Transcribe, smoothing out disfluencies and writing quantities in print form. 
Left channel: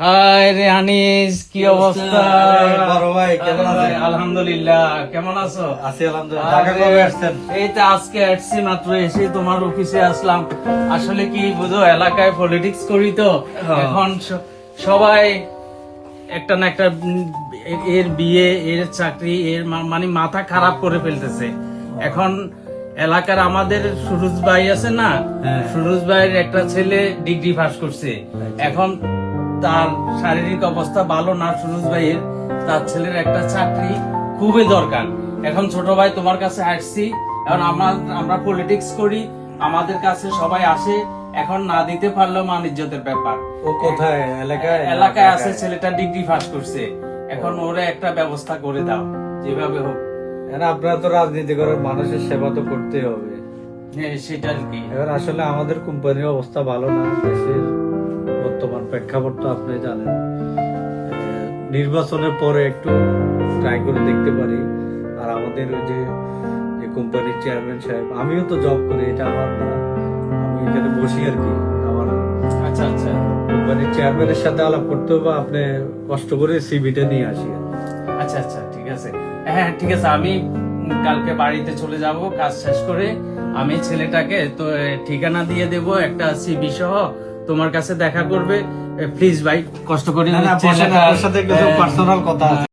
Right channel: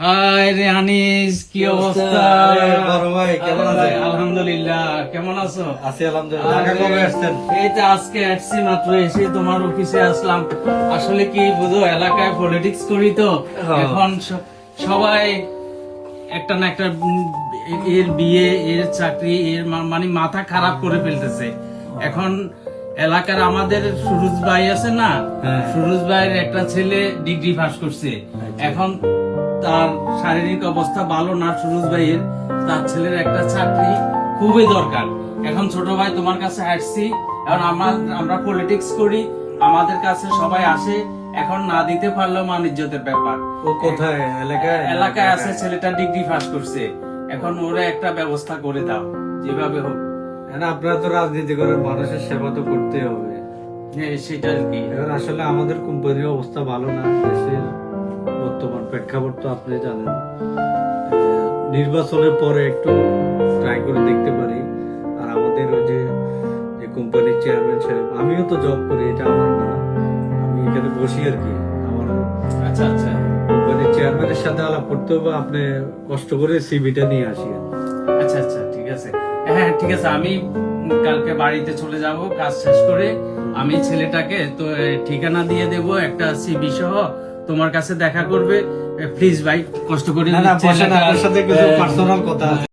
High রে আনিস, কি অবস্থা? বড় ভাই কেমন আছেন? আলহামদুলিল্লাহ, কেমন আছো? আছি আলহামদুলিল্লাহ। ঢাকা কবে আসছেন? এই তো আজকে আসছি মাত্র, এসে তোমার অফিসে আসলাম। আসলে কি বুঝো, এলাকায় পলিটিক্স করি তো এখন সবাই একটা না একটা এর বিয়ে, এর চাকরি, এর মানে মাথা খারাপ করে ফেলতেছে এখন। এলাকার আমাদের সুরজ ভাই আছে না, সুরজ ভাইয়ের একটা ছেলে ডিগ্রি পাস করছে। এখন তার শারীরিক অবস্থা ভালো না সুরজ ভাইয়ের, তার ছেলের একটা চাকরি খুবই দরকার। এখন ছোট ভাই তোমার কাছে আসছি, এখন আমরা পলিটিক্স করি, আমাদের কাছে সবাই আসে, এখন না দিতে পারলেও মান ইজ্জতের ব্যাপার। ও কোথায়? এলাকায় আছে, ছেলেটা ডিগ্রি পাস করছে, এখন ওরে একটা ব্যবস্থা করে দাও যেভাবে হোক। আপনারা তো রাজনীতি করেন, মানুষের সেবা তো করতে হবে। সেটা আর কি। এবার আসলে আমাদের কোম্পানির অবস্থা ভালো না, দেশের বর্তমান প্রেক্ষাপট তো আপনি জানেন। নির্বাচনের পরে একটু ট্রাই করে দেখতে পারি। আর আমাদের ওই যে কোম্পানির চেয়ারম্যান সাহেব, আমিও তো জব করি, এটা আমার না, আমি এখানে বসি আর কি। আমার আচ্ছা আচ্ছা, কোম্পানির চেয়ারম্যানের সাথে আলাপ করতে হবে, আপনি কষ্ট করে সিভিটা নিয়ে আসি। আচ্ছা আচ্ছা, ঠিক আছে। হ্যাঁ ঠিক আছে, আমি কালকে বাড়িতে চলে যাব, কাজ শেষ করে আমি ছেলেটাকে তো ঠিকানা দিয়ে দেব, একটা সিবি সহ তোমার কাছে দেখা করবে। প্লিজ ভাই, কষ্ট করে না, আপনার সাথে কিছু পার্সোনাল কথা আছে।